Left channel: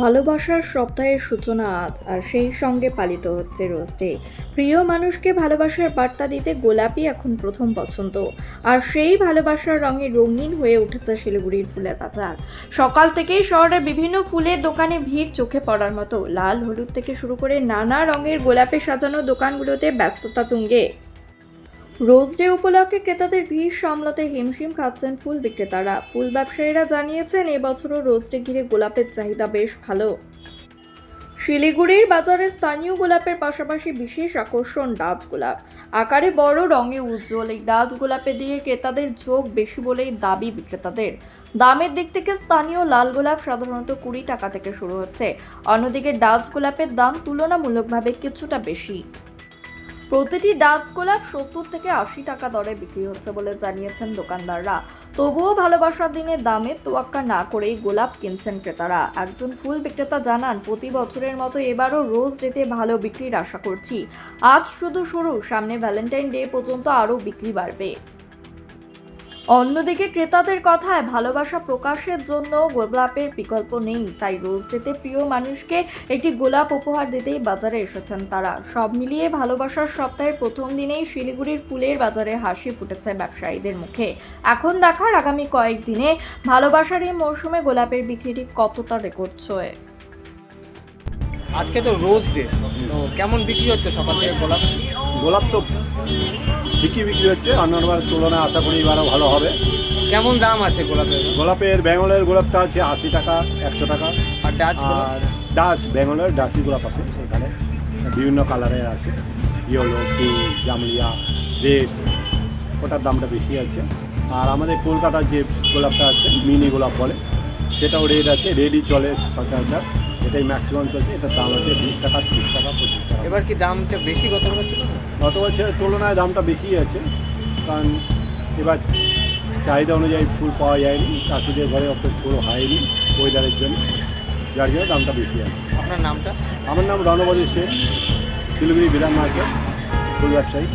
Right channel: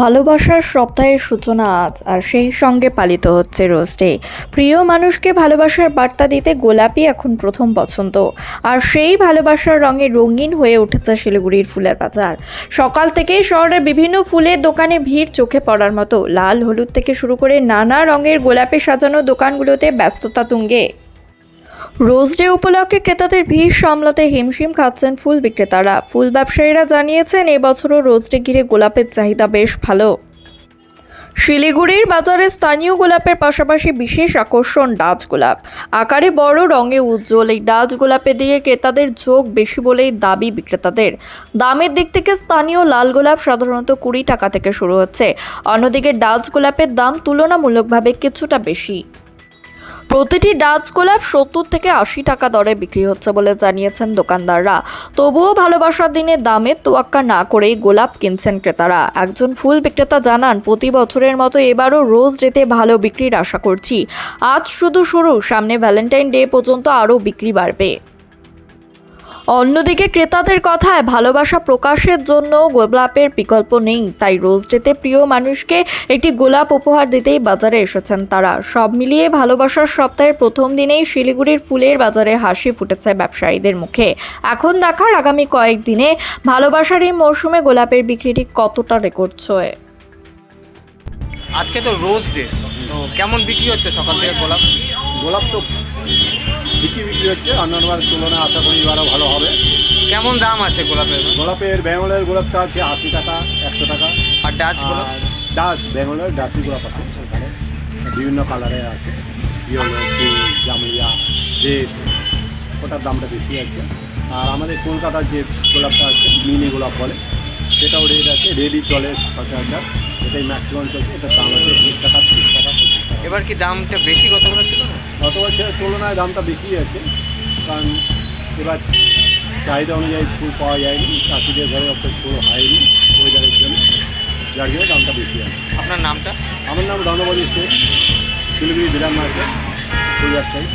ভালোবাসার সপ্তাহের সূচনা আজ, আর সেই সঙ্গে পালিত হচ্ছে রোজ ডে। প্রিয় মানুষকে ভালোবাসার বার্তা দিতে গোলাপই এখন প্রথম পছন্দ। আর সেই ভালোবাসার রঙে রঙিন হয়ে উঠেছে শিলিগুড়ির ফুলের বাজার। সকাল থেকেই শহরের বিভিন্ন ফুলের দোকানে ভিড় চোখে পড়ার মতো। লাল, হলুদ থেকে শুরু করে নানা রঙের গোলাপে সাজানো দোকানগুলোতে ব্যস্ততা তুঙ্গে। রোজ ডে উপলক্ষে ক্রেতাদের ভিড় সামলাতে হিমশিম খাচ্ছেন ফুল বিক্রেতারা। ফুল ব্যবসায়ীরা জানিয়েছেন, এবছরও রোজ ডে ঘিরে গোলাপের চাহিদা বেশ ভালো। শিলিগুড়ির বাজারে স্থানীয় গোলাপের পাশাপাশি বিশেষ আকর্ষণ ডাচ গোলাপ। আকারে বড়, রঙে উজ্জ্বল এই ডাচ গোলাপে দিয়ে ক্রেতাদের ঝোঁক বেশি বলেই দাবি বিক্রেতাদের। দামের দিক থেকে স্থানীয় লাল গোলাপ সাধারণত 20 টাকা থেকে শুরু হচ্ছে। অন্যদিকে ডাচ গোলাপের দাম তুলনামূলকভাবে কিছুটা বেশি। প্রতিটি ডাচ গোলাপ 70 থেকে 80 টাকা দরে বিক্রি হচ্ছে বলে জানিয়েছেন দোকানদাররা। তবুও ভালোবাসার দিনে দামের তোয়াক্কা না করেই গোলাপ কিনছেন ক্রেতারা। একজন ফুল বিক্রেতা জানান, প্রতি বছরের মতো এবারও রোজ ডেতে ভালো বিক্রির আশা করছি। আজ শুধু শুরু, সামনে ভ্যালেন্টাইন ডে পর্যন্ত আরও বিক্রি বাড়বে। অন্যদিকে ক্রেতাদের কথায়, ভালোবাসা প্রকাশের জন্য গোলাপের বিকল্প নেই, তাই রোজ ডেতে প্রিয় মানুষকে একটি গোলাপ উপহার দিতেই বাজারে এসেছেন তারা। সব মিলিয়ে ভালোবাসার সপ্তাহের প্রথম দিনেই শিলিগুড়ির ফুলের বাজারে হাসি ফুটেছে ব্যবসায়ীদের মুখে। এখন দেখার আগামী কয়েকদিনে ভালোবাসার এই মরশুমে গোলাপের বিক্রিটি কতটা রেকর্ড ছোঁয়। আজকে তো রোজ ডে, তো কেমন বিক্রি হচ্ছে সকাল থেকে গোলাপ? গোলাপ তো বিক্রি হচ্ছে, অন্যান্যবার তুলনায় আশা করি আরও ভালো হবে। কেমন দাম আছে গোলাপের? গোলাপের বেঙ্গলের গোলাপটা আছে 80 টাকা, 100 টাকা। আর ডাচ গোলাপ? আর ডাচ বেঙ্গলের ডাচি গোলাপ আছে, সেখানে বিভিন্ন কালারের আছে, ইয়েলো, পিঙ্ক, জামলিয়া, রেড, ওটার দামটা বেশি আছে। আর আমাদের কলকাতার যে গোলাপটা আছে, মিনি গোলাপ বলে, সেটাও রেড আছে, রেডই চলে 60,000, এটাই ম্যাক্সিমাম চলছে। এটার দাম আছে 20 টাকা, 30 টাকা, 25 টাকা। এবার কি দামটা বেশি গত বছর ছিল না? গত বছরের তুলনায় দামটা বেশি আছে, কারণ এবার চাহিদা অনুযায়ী ফুল পাওয়া যায়নি, চাষিদের ঘরে অত ফুল হয়নি ওয়েদারের জন্য, যার জন্য দামটা বেশি আছে। আপনার নামটা? আমার নাম রণবদী শেখ, শিলিগুড়ি বিরাম মার্কেট ফুল ব্যবসায়ী।